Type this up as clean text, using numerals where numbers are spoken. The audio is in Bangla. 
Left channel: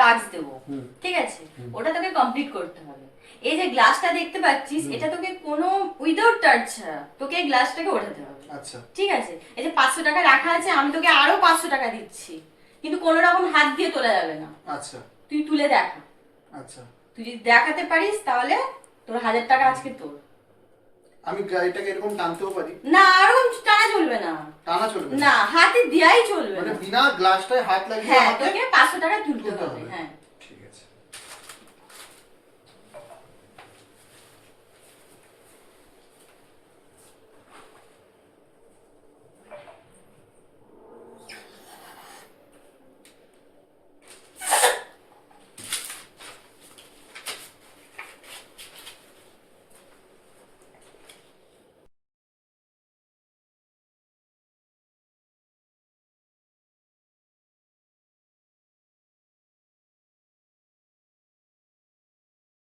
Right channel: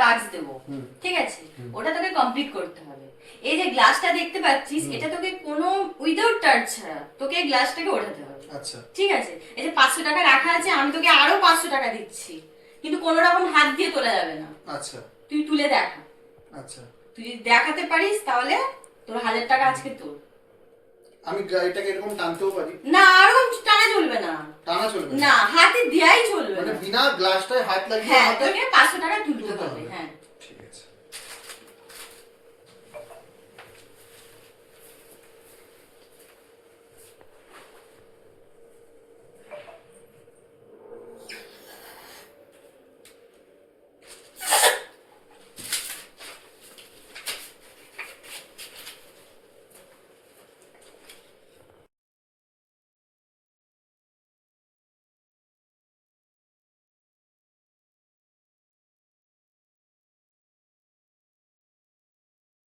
টাস্ক দেবো, ঠিক আছে? ওটা তোকে কমপ্লিট করতে হবে। এই যে গ্লাসটা দেখতে পাচ্ছিস, এটা তোকে কোনো উইদাউট টাচ ছাড়া তোকে এই গ্লাসটাকে ওঠাতে হবে। আচ্ছা ঠিক আছে? এই যে 500 টাকা রাখা আছে, আমি তোকে আরো 500 টাকা দিচ্ছি, কিন্তু কোনো রকম হাত দিয়ে তোলা যাবে না। আচ্ছা তুই তুলে দেখা। আচ্ছা, তুই যদি দেখাতে পারিস তাহলে তোর 1000 টাকা আজকে তোর। আমি গাড়িটাকে এরকম টানতেও পারি? না, আরো টানা চলবে না। টানা চলবে না, হাতে দেয়াই চলবে মানে না। বিনা গ্লাসটায় হাত লাগিয়ে হ্যাঁ, আমাকে তোকে 500 টাকা তুলতে তুলতে হবে। হবে। হ্যাঁ।